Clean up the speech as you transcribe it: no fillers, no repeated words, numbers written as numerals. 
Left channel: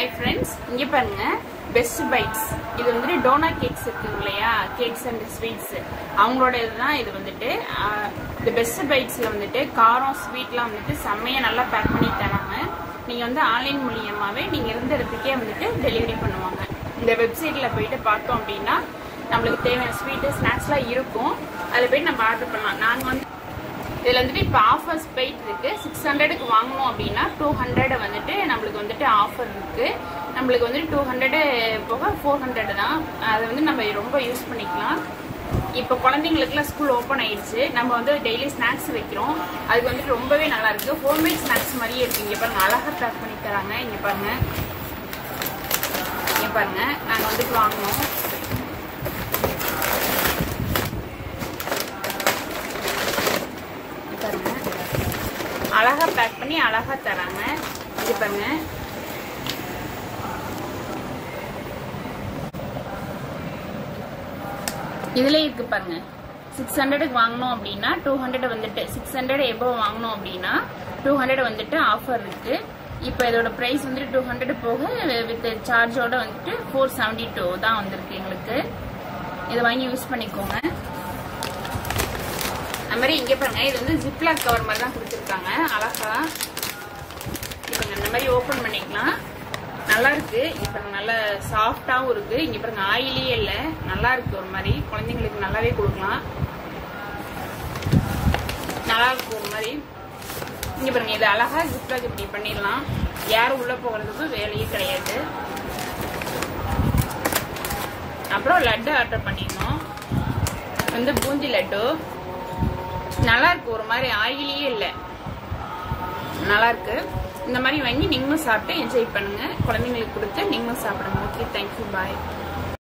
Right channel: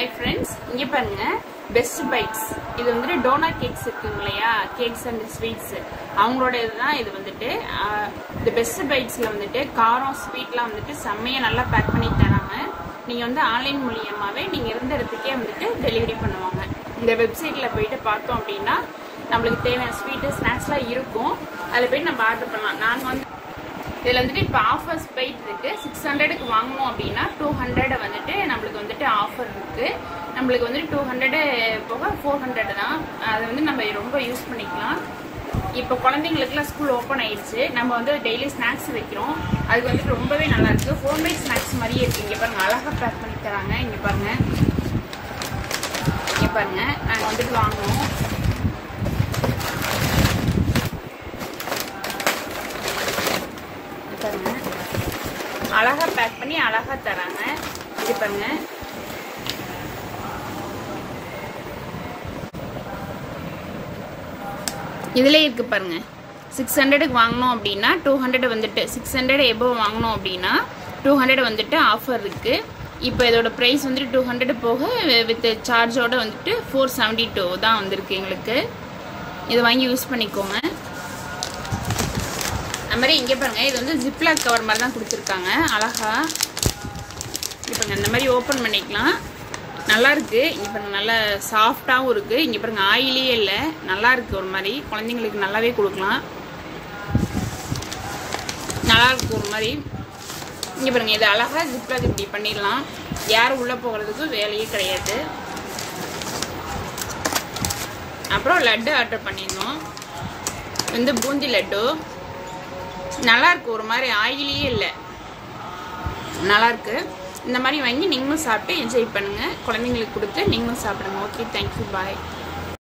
Hi friends, இங்க பாருங்க best bytes. இது வந்துட்டு டோனா கேக்ஸ் இருக்குங்க இல்லையா, கேக்ஸ் அண்ட் ஸ்வீட்ஸ் அவங்களோட இதுதான். இது வந்துட்டு இந்த பெஸ்ட் பைட்ஸ்ல வந்துட்டு காரம் ஸ்வீட்லாம் வந்துட்டு செம்மையா நல்லா பேக் பண்ணி தராங்க. நீங்க வந்து ஆன்லைன் மூலியமாவே நீங்க இருந்த இடத்துக்கே வந்துட்டு டெலிவரி பண்ணுவாங்க. இந்த வெப்சைட்ல போயிட்டு பார்த்தோம் அப்படின்னா நம்மளுக்கு தேவையான ஸ்வீட்டு ஸ்நாக்ஸ்லாம் இருக்கும். அதில் போயிட்டு நம்ம ஆர்டர் பண்ணலாம். நாங்கள் வந்து இதில் வந்துட்டு இப்போ ஆஃபர்ஸ் போயிட்டு இருக்கு. 600க்கு வாங்கணும் அப்படின்னா 200 வந்துட்டு நம்மளுக்கு வந்துட்டு ஆஃபர் இருக்கு. நம்மளுக்கு வந்துட்டு 200 போக 400 தான். அதை வந்து நம்ம ரொம்ப யூஸ் பண்ணிக்கலாம். இப்போ குழந்தைங்களுக்குலாம் ஸ்கூல் ஓப்பன் ஆயிடுச்சு. நம்ம வந்து டெய்லி ஸ்நாக்ஸ் வைக்கிறோம். அதுக்கு வந்துட்டு ரொம்பவே நல்லா இருக்கு. ஹோம்மேட் ஸ்நாக்ஸ் மாதிரியே இருக்கு. இங்கே பாருங்க, அழகா பேக் பண்ணி தராங்க. இங்கே பாருங்க, இங்கே பாருங்க, நாங்கள் வந்துட்டு வாங்கினோம். அழகா பேக் பண்ணி அழகா தராங்க. இது பாருங்க, இதுல இருக்கு பாருங்க. 600க்கு வாங்கணும் அப்படின்னா 200 வந்துட்டு 600 எபோவ் வாங்கணும் அப்படின்னா 200 வந்துட்டு ஆஃபர் இருக்கு. இப்போ இதோட பிரைஸ் வந்துட்டு 200 போக வித் சார்ஜோட வந்துட்டு 472 தான் வந்திருக்கு எங்களுக்கு. இதை வாங்கி யூஸ் பண்ணிக்கோங்க. அது மாதிரி இங்கே பாருங்க, இது வந்து ஜிப்லாக் கவர் மாதிரி தான் கொடுத்துருக்காங்க. அழகா இப்போ இந்த மாதிரி ஓப்பன் பண்ணிக்கலாம். நல்லா இருக்கு. இப்போ நல்லா சாஃப்டாகவும் இருக்கு. இங்கே பாருங்க, ஆயிலே இல்லை, நல்லா இருக்கு. ஒரு மாதிரி குழந்தைங்களுக்கு நல்லாவே கொடுக்கலாம். நல்லா இருக்கு ஒரு மாதிரி. இங்கே பாருங்க, இது அழகா ஜிப்லாக் இப்படி பண்ணிடலாம். யாரும் உள்ள போகிறதுக்கு வேலையே கிடையாது. அப்புறம் லட்டு ஆர்டர் பண்ணிடணும். வந்து பூந்தி லட்டு நல்லா இருக்கு. ஒரு மாதிரி ஆயிலே இல்லை, நல்லா இருக்கு. இந்த மாதிரி வாங்கி நீங்களும் சாப்பிட்டு என்ஜாய் பண்ணுங்க. குழந்தைங்களுக்கு கொடுத்து நீங்களும் சாப்பிடுங்க. ஓகே, தேங்க்யூ, பாய்.